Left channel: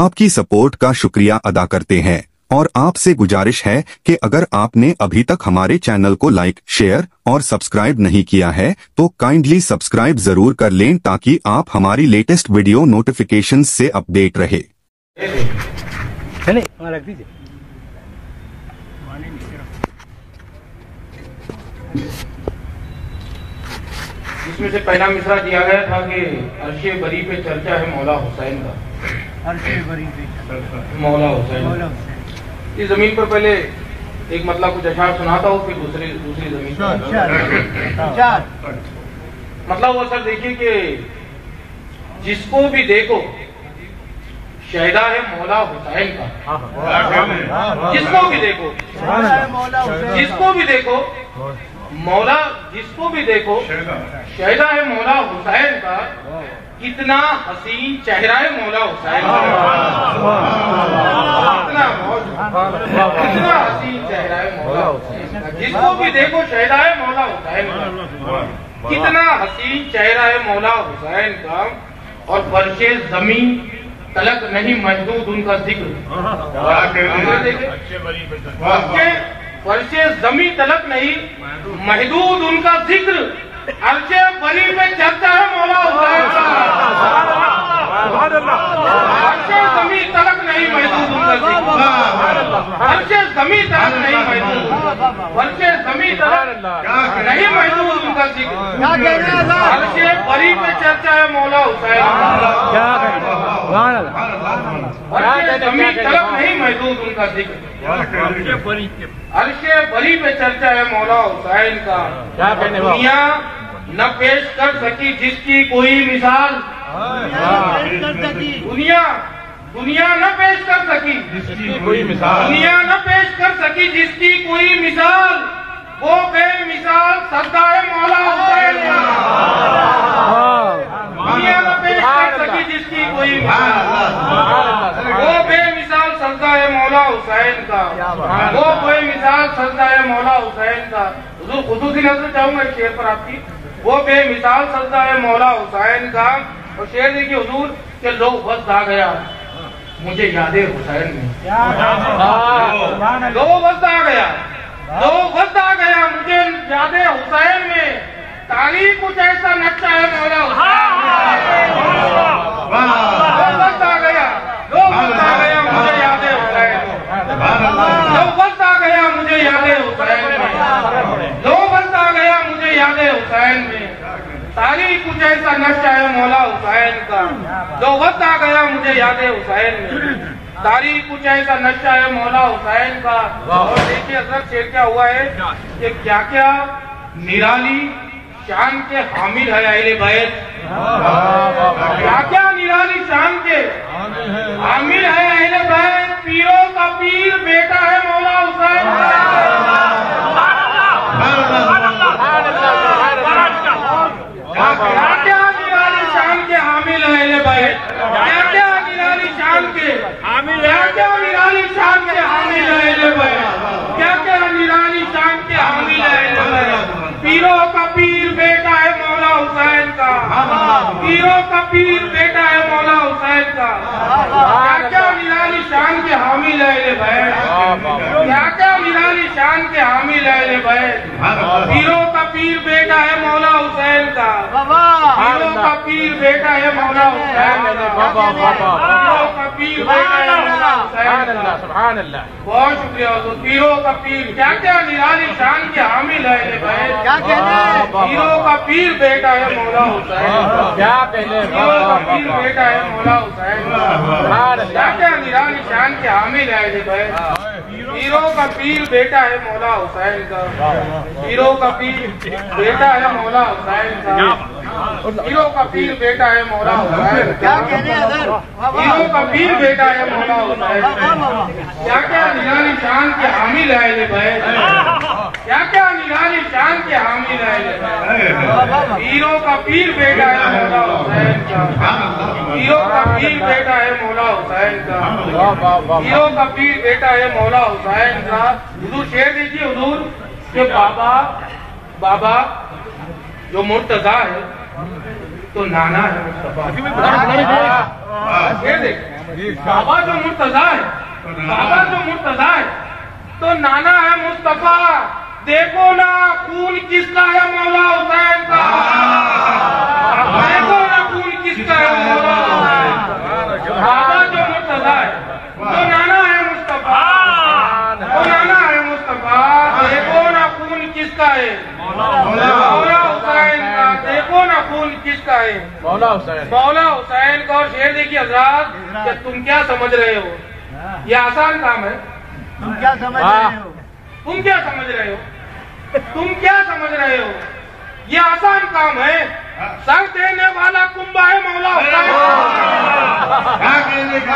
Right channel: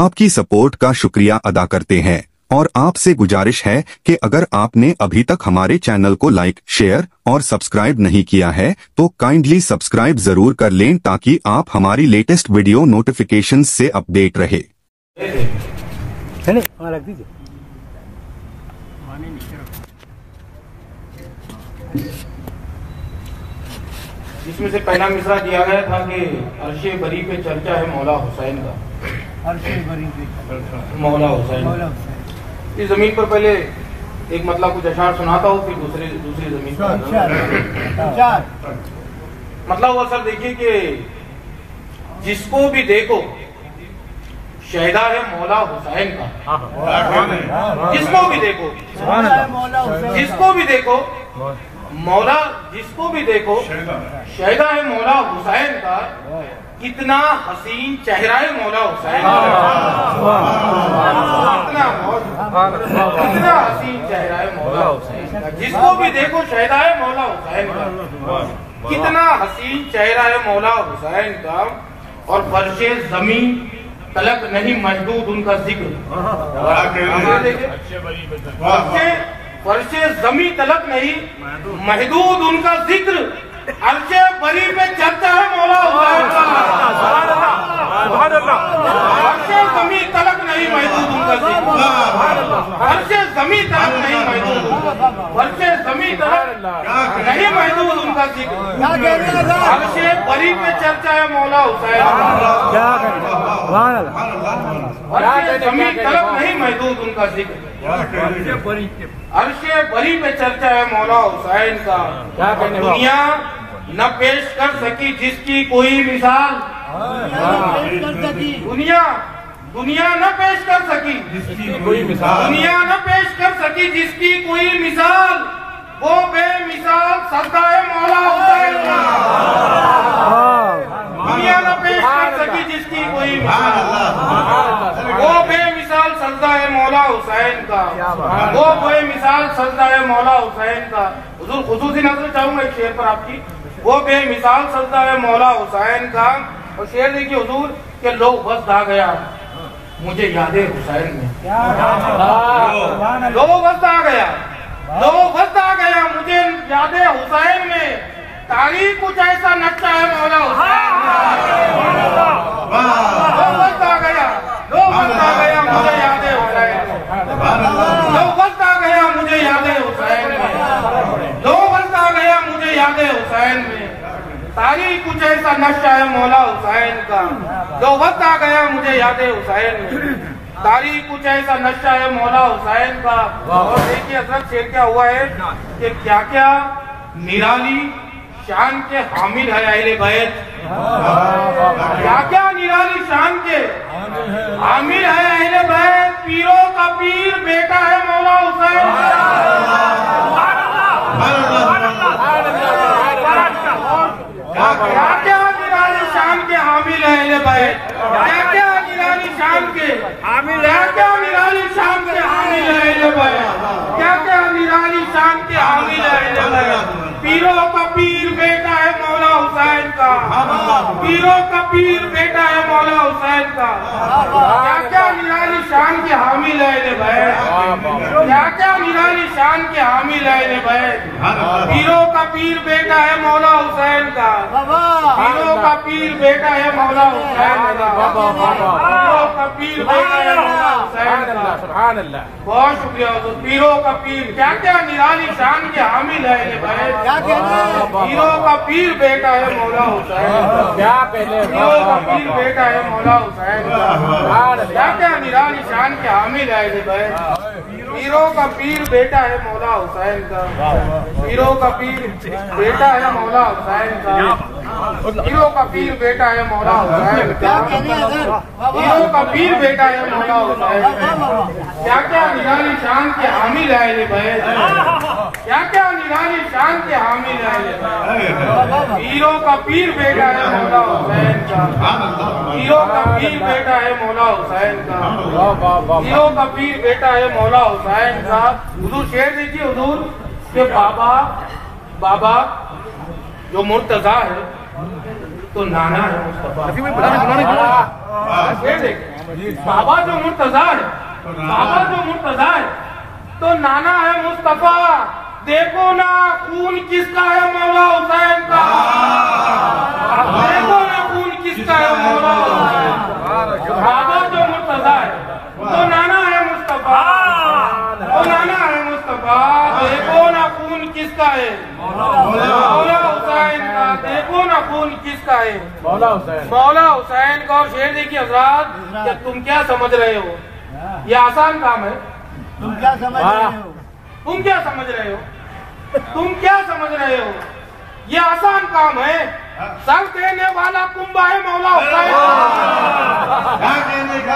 आपकी सपोर्ट का शुक्रिया अदा करते हैं और आपसे गुजारिश है कि अगर आपने अभी तक हमारे चैनल को लाइक, शेयर और सब्सक्राइब नहीं किया है तो काइंडली सब्सक्राइब जरूर कर लें ताकि आप हमारी लेटेस्ट वीडियो नोटिफिकेशन से अपडेट रहे। इसमें से पहला मिसरा दिया गया था कि अर्शे बरी पे चर्चा है मौला हुसैन का। अर्शे बरी पे मौला हुसैन। इस जमीन पर पहले एक मतलब कुछ अशार सुनाता हूँ, फिर दूसरी जमीन पर मतलब वो सर देखिए कि जिसको भी देखो शहदा है मौला हुसैन का। जिसको भी देखो मौला, जिसको भी देखो शहदा है मौला हुसैन का। कितना हसीन चेहरा है मौला हुसैन का। कितना हसीन चेहरा है मौला हुसैन का। जिसको भी देखो शहदा है मौला हुसैन का। कितना हसीन चेहरा है मौला हुसैन का। और फर्शे जमीन तलक नहीं महदूद उनका जिक्र। फर्शे जमी तलक नहीं महदूद उनका जिक्र। अर्शे बरी पे चर्चा है मौला हुसैन का। फर्शे जमी तलक नहीं महदूद उनका जिक्र। फर्शे जमी तलक नहीं महदूद, फर्शे जमी तलक नहीं महदूद उनका जिक्र। अर्शे बरी पे चर्चा है मौला हुसैन का। फर्शे जमी तलक नहीं महदूद उनका जिक्र। अर्शे बरी पे चर्चा है मौला हुसैन का। दुनिया न पेश कर सकी जिसकी कोई मिसाल। दुनिया न पेश कर सकी, दुनिया न पेश कर सकी जिसकी कोई मिसाल। वो बेमिसाल सजदा है मौला हुसैन का। दुनिया न पेश कर सकी जिसकी कोई मिसाल। वो बेमिसाल सजदा है मौला हुसैन का। वो बेमिसाल सजदा है मौला हुसैन का। हुजूर खुसूसी नजर चाहूंगा एक शेर पर आपकी। वो बेमिसाल सजदा है मौला हुसैन का। और शेर देखिए हुजूर के लोग वक्त आ गया मुझे यादे हुसैन में। लोग वक्त आ गया, लोग वक्त आ गया मुझे यादे हुसैन में। तारीख कुछ ऐसा नक्शा है मौला हुसैन में। लोग वक्त आ गया, लोग वक्त आ गया मुझे यादे हुसैन में। लोग वक्त आ गया मुझे यादे हुसैन में। लोग वक्त आ गया मुझे यादे हुसैन में। तारीख कुछ ऐसा नक्शा है मौला हुसैन का। जो वक्त आ गया मुझे याद हुसैन में। तारीख कुछ ऐसा नक्शा है मौला हुसैन का। और देखिए हजरत शेर क्या हुआ है कि क्या क्या निराली शान के हामिल है अहले बैत। क्या क्या निराली शान के हामिल है अहले बैत। पीरों का पीर बेटा है मौला हुसैन का। क्या क्या निराली शान के हामिल है अहले बैत। क्या क्या निराली शान के हामिल है। क्या क्या निराली शान के हामिल है अहले बैत। क्या क्या निराली शान के हामिल है अहले बैत। पीरों का पीर बेटा है मौला हुसैन का। पीरों का पीर बेटा है मौला हुसैन का। क्या क्या निराली शान के हामिल है अहले बैत। क्या क्या निराली शान के हामिल है अहले बैत। पीरों का पीर बेटा है मौला हुसैन का। पीरों का पीर बेटा है मौला हुसैन का। पीरों का पीर बेटा है मौला हुसैन का। सुभान अल्लाह, बहुत शुक्रिया। पीरों का पीर क्या क्या निराली शान के हामिल है अहले बैत। पीरों का पीर बेटा है मौला हुसैन का। क्या कहने, पीरों का पीर बेटा है मौला हुसैन का। क्या क्या निराली शान के हामिल है अहले बैत। पीरों का पीर बेटा है मौला हुसैन का। पीरों का पीर बेटा है मौला हुसैन का। पीरों का पीर बेटा है मौला हुसैन का। पीरों का पीर बेटा है मौला हुसैन का। क्या क्या निराली शान के हामिल है अहले बैत। क्या क्या निराली शान के हामिल है। पीरों का पीर बेटा है मौला हुसैन का। पीरों का पीर बेटा है मौला हुसैन का। पीरों का पीर बेटा है मौला हुसैन का। हुजूर शेर दीजिए हुजूर के बाबा जो मुर्तजा है तो नाना है मुस्तफा। शेर देखिए बाबा जो मुर्तजा है, बाबा जो मुर्तजा है, तो नाना है मुस्तफा, देखो ना खून किसका है मौला हुसैन का, देखो ना खून किसका है मौला हुसैन का। बाबा जो मुर्तजा है, तो नाना है मुस्तफा, तो नाना है मुस्तफा, देखो ना खून किसका है मौला हुसैन का, देखो ना खून किसका है मौला हुसैन का। और शेर देखिए हजरात, कि तुम क्या समझ रहे हो, ये आसान काम है। तुम क्या समझ रहे हो? तुम क्या समझ रहे हो, तुम क्या समझ रहे हो, ये आसान काम है। सर देने वाला कुंभा है मौला हुसैन,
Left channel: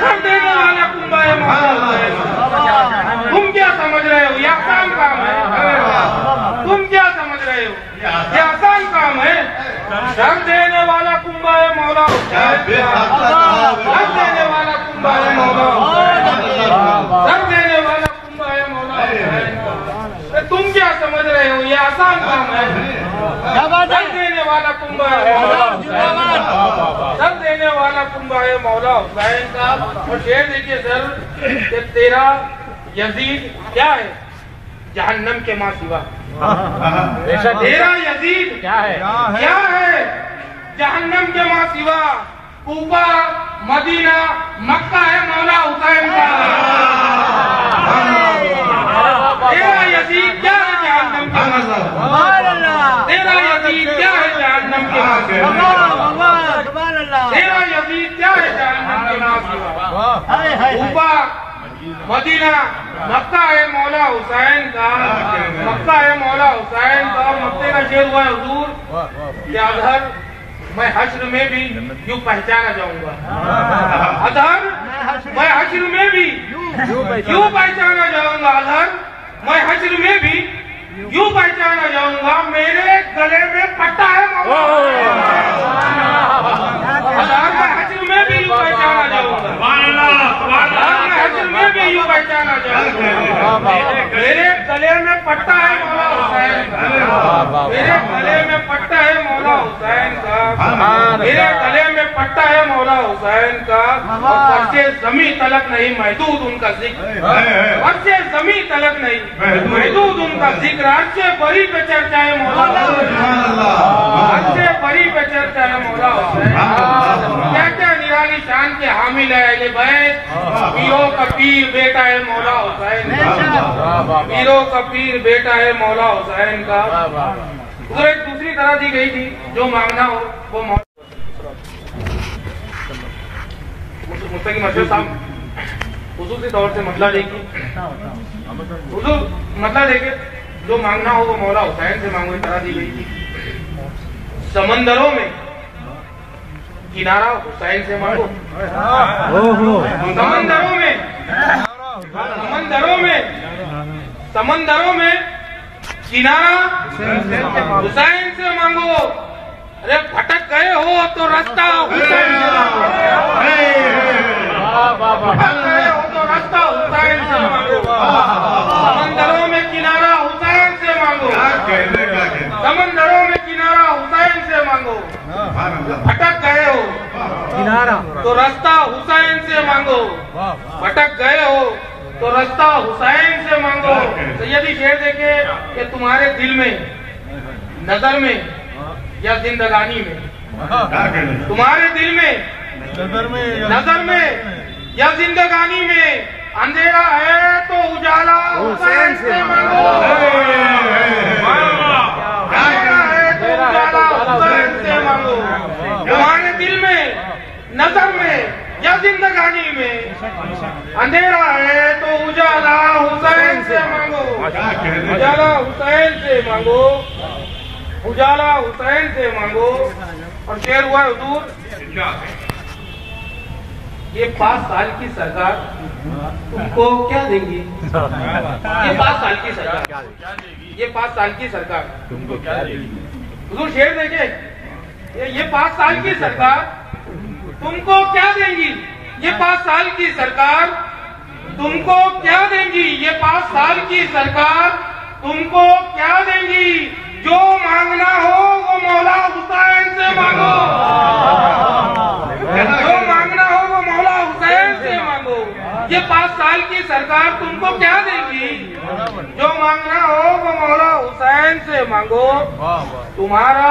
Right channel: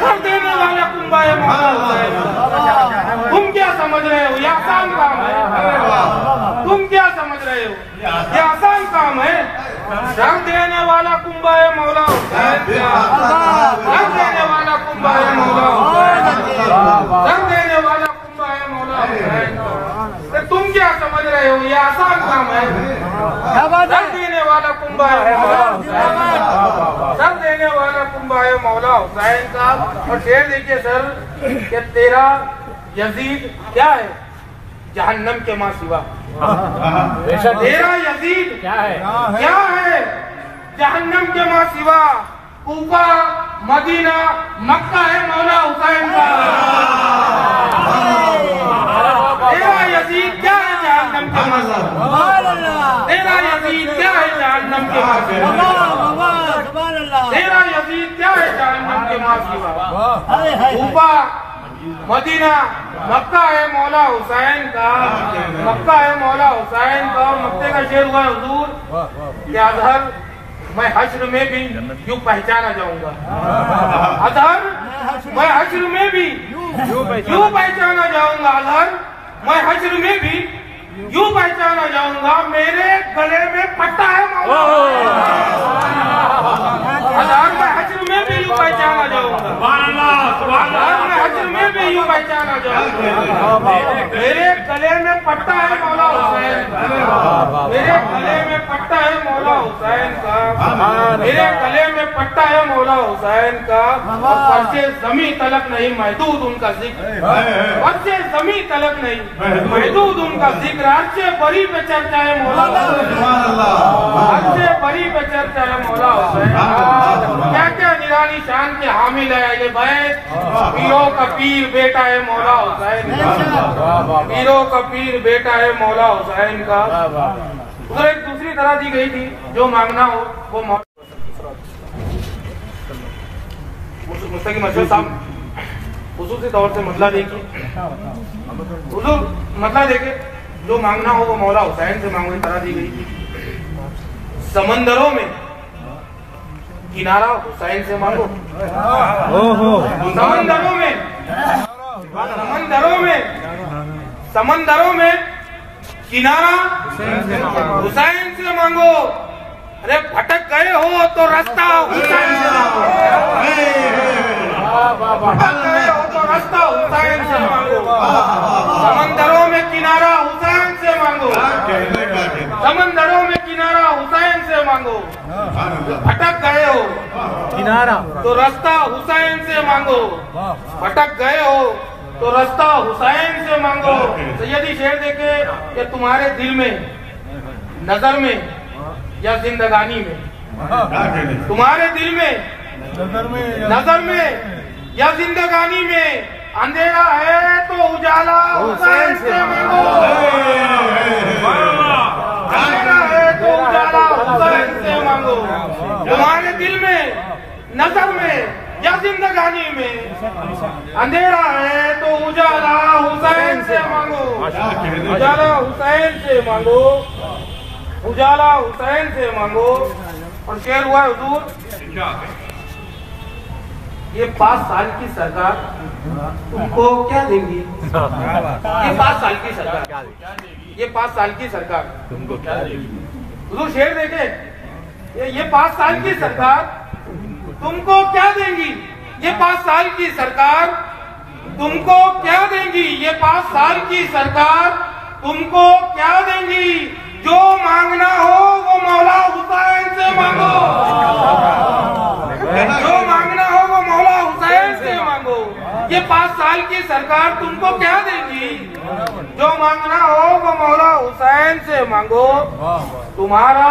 सर देने वाला कुंभा है मौला हुसैन। तुम क्या समझ रहे हो, ये आसान काम है। तुम क्या समझ रहे हो, ये आसान काम है। सर देने वाला कुंभा है मौला हुसैन, सर देने वाला कुंभा है मौला हुसैन, सर देने वाला कुंभा है मौला हुसैन। तुम क्या समझ रहे हो, ये आसान काम है। सर देने वाला कुंभा है मौला हुसैन, सर देने वाला कुंभा है मौला हुसैन का। और शेर देखिए सर, कि तेरा यजीद क्या है जहन्नम के मां सिवा, तेरा यजीद क्या है जहन्नम के मां सिवा, कूफा मदीना मक्का है मौला हुसैन का। तेरा यजीद क्या है जहन्नम के मां सिवा, तेरा यजीद क्या है जहन्नम के मां सिवा, तेरा यजीद क्या है जहन्नम के मां सिवा, कूफा मदीना मक्का है मौला हुसैन का, मक्का है मौला हुसैन का। और मक्के का शेर हुआ हुजूर कि अजहर मैं हश्र में भी यूं पहचाना जाऊंगा, अजहर मैं हश्र में भी यूं पहचाना जाऊंगा, अजहर मैं हश्र में भी यूं पहचाना जाऊंगा, मेरे गले में पट्टा है मौला, अजहर मैं हश्र में भी यूं पहचाना जाऊंगा, अजहर मैं हश्र में भी यूं पहचाना जाऊंगा, मेरे गले में पट्टा है मौला हुसैन का, मेरे गले में पट्टा है मौला हुसैन का, मेरे गले में पट्टा है मौला हुसैन का। और फर्शे जमी तलक नहीं महदूद उनका जिक्र, फर्शे जमी तलक नहीं महदूद उनका जिक्र, अर्शे बरी पे चर्चा है मौला हुसैन, अर्शे बरी पे चर्चा है मौला हुसैन। क्या क्या निराली शान के हामिल है अहले बैत, पीरों का पीर बेटा है मौला हुसैन का, पीरों का पीर बेटा है मौला हुसैन का। उधर एक दूसरी तरह दी गई थी, जो मांगना हो वो मुस्तकीम अशरफ साहब खुसूसी तौर से मतला देखिए, मतला देखे, जो मांगना हो वो मौला हुसैन से मांगो, तरह दी गई थी। समंदरों में किनारा हुसैन से मांगो, समंदरों में, समंदरों में, समंदरों में किनारा हुसैन से मांगो। अरे भटक गए हो तो रास्ता हुसैन से मांगो, भटक गए हो तो रास्ता हुसैन से मांगो, समंदरों में किनारा हुसैन से मांगो, समंदरों में किनारा हुसैन से मांगो। भटक गए हो तो रास्ता हुसैन से मांगो, भटक गए हो तो रास्ता हुसैन से मांगो। सैयदी शेर देखे कि तुम्हारे दिल में, नजर में या जिंदगानी में, तुम्हारे दिल में, नजर में या जिंदगानी में अंधेरा है तो उजाला हुसैन से मांगो, अंधेरा है तो उजाला हुसैन से मांगो। तुम्हारे दिल में, नजर में या जिंदगानी में अंधेरा है तो उजाला हुसैन से मांगो, उजाला हुसैन से मांगो, उजाला हुसैन से मांगो। और शेर हुआ हुजूर, ये 5 साल की सरकार तुमको क्या देंगी, ये 5 साल की सरकार, ये 5 साल की सरकार तुमको क्या देगी। हुजूर शेर देखे, ये 5 साल की सरकार तुमको क्या देंगी, ये 5 साल की सरकार तुमको क्या देंगी, ये 5 साल की सरकार तुमको क्या देंगी। जो मांगना हो वो मौला हुसैन से मांगो, जो मांगना हो वो मौला हुसैन से मांगो। ये 5 साल की सरकार तुमको क्या देगी? जो मांगना हो वो मौला हुसैन से मांगो। तुम्हारा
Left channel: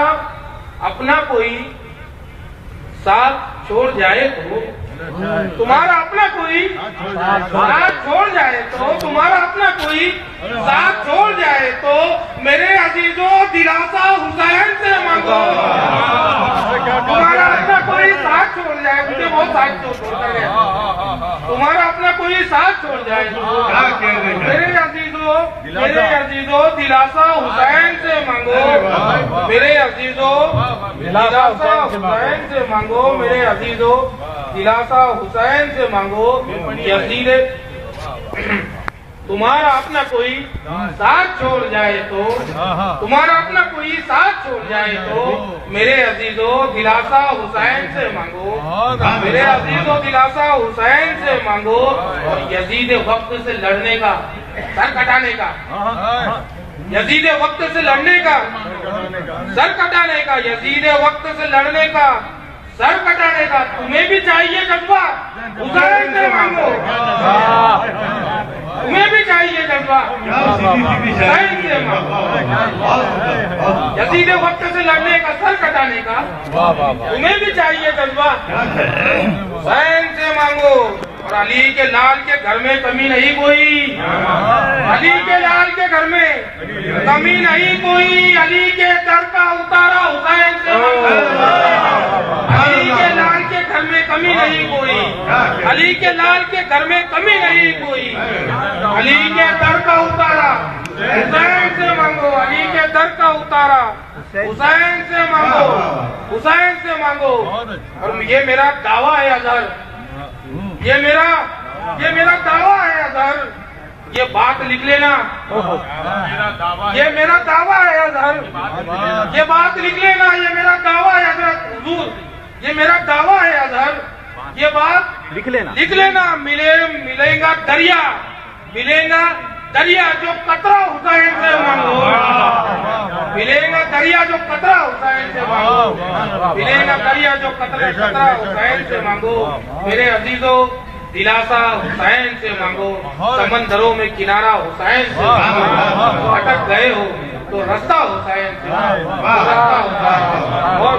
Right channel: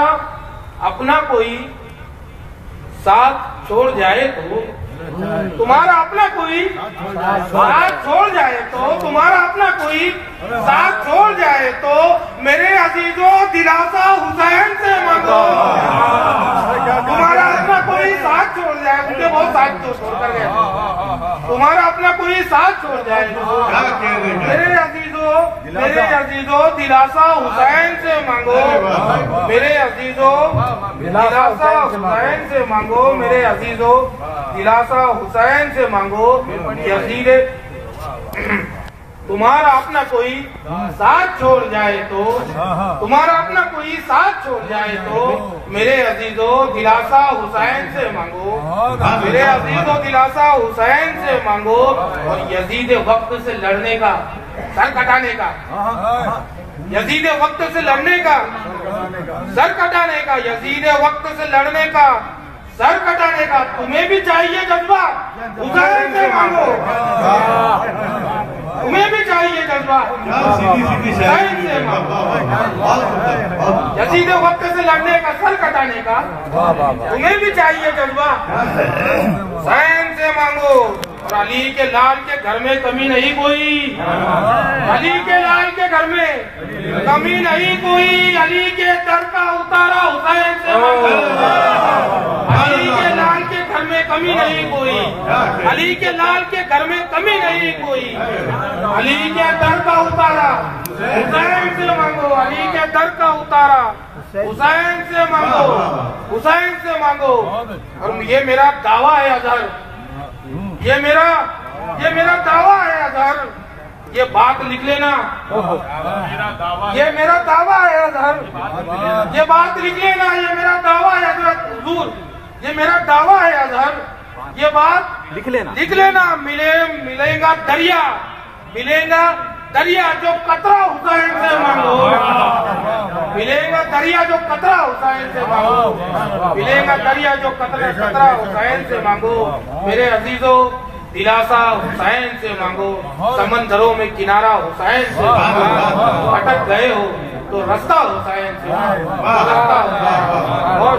अपना कोई साथ छोड़ जाए तो, तुम्हारा अपना कोई साथ छोड़ जाए तो, तुम्हारा अपना कोई साथ छोड़ जाए तो मेरे अजीजों दिलासा हुसैन से मांगो। तुम्हारा अपना कोई साथ छोड़ जाए, मुझे बहुत साथ छोड़ कर गया, तुम्हारा अपना कोई साथ छोड़ जाए तो मेरे अजीजों दिलासा हुसैन से मांगो। मेरे अजीजों दिलासा हुसैन से मांगो। मेरे अजीजों दिलासा हुसैन से मांगो। यजीद तुम्हारा अपना कोई साथ छोड़ जाए तो, तुम्हारा अपना कोई साथ छोड़ जाए तो मेरे अजीजों दिलासा हुसैन से मांगो। मेरे अजीजों दिलासा हुसैन से मांगो। और यजीद वक्त से लड़ने का, सर कटाने का, यजीद वक्त से लड़ने का, सर कटाने का, यजीद वक्त से लड़ने का, सर कटाने का तुम्हें भी चाहिए जज्बा, हुसैन से मांगो। तुम्हें भी चाहिए जज्बा, हुसैन से मांगो। यजीद वक्त से लड़ने का, सर कटाने का तुम्हें भी चाहिए जज्बा, हुसैन से मांगो। और अली के लाल के घर में कमी नहीं कोई, अली के लाल के घर में कमी नहीं कोई। अली के दर का उतारा हुसैन से मांगो। अली के लाल के घर में कमी नहीं कोई, अली के लाल के घर में कमी नहीं कोई। अली के दर का उतारा हुसैन से मांगो। अली के दर का उतारा हुसैन से मांगो, हुसैन से मांगो। और ये मेरा दावा है अजहर, ये मेरा दावा है अजहर, ये बात लिख लेना। ये मेरा दावा है अजहर, ये बात लिख लेना। ये मेरा दावा है अजहर हुजूर, ये मेरा दावा है अजहर, ये बात लिख लेना। मिलेगा दरिया, मिलेगा दरिया जो कतरा हुसैन से मांगो। मिलेगा दरिया जो कतरा हुसैन से मांगो। मिलेगा दरिया जो कतरा हुसैन से मांगो। मेरे अजीजों दिलासा हुसैन से मांगो। समंदरों में किनारा हुसैन से मांगो। अटक गए हो तो रास्ता हुसैन से मांगो, रास्ता हुसैन। और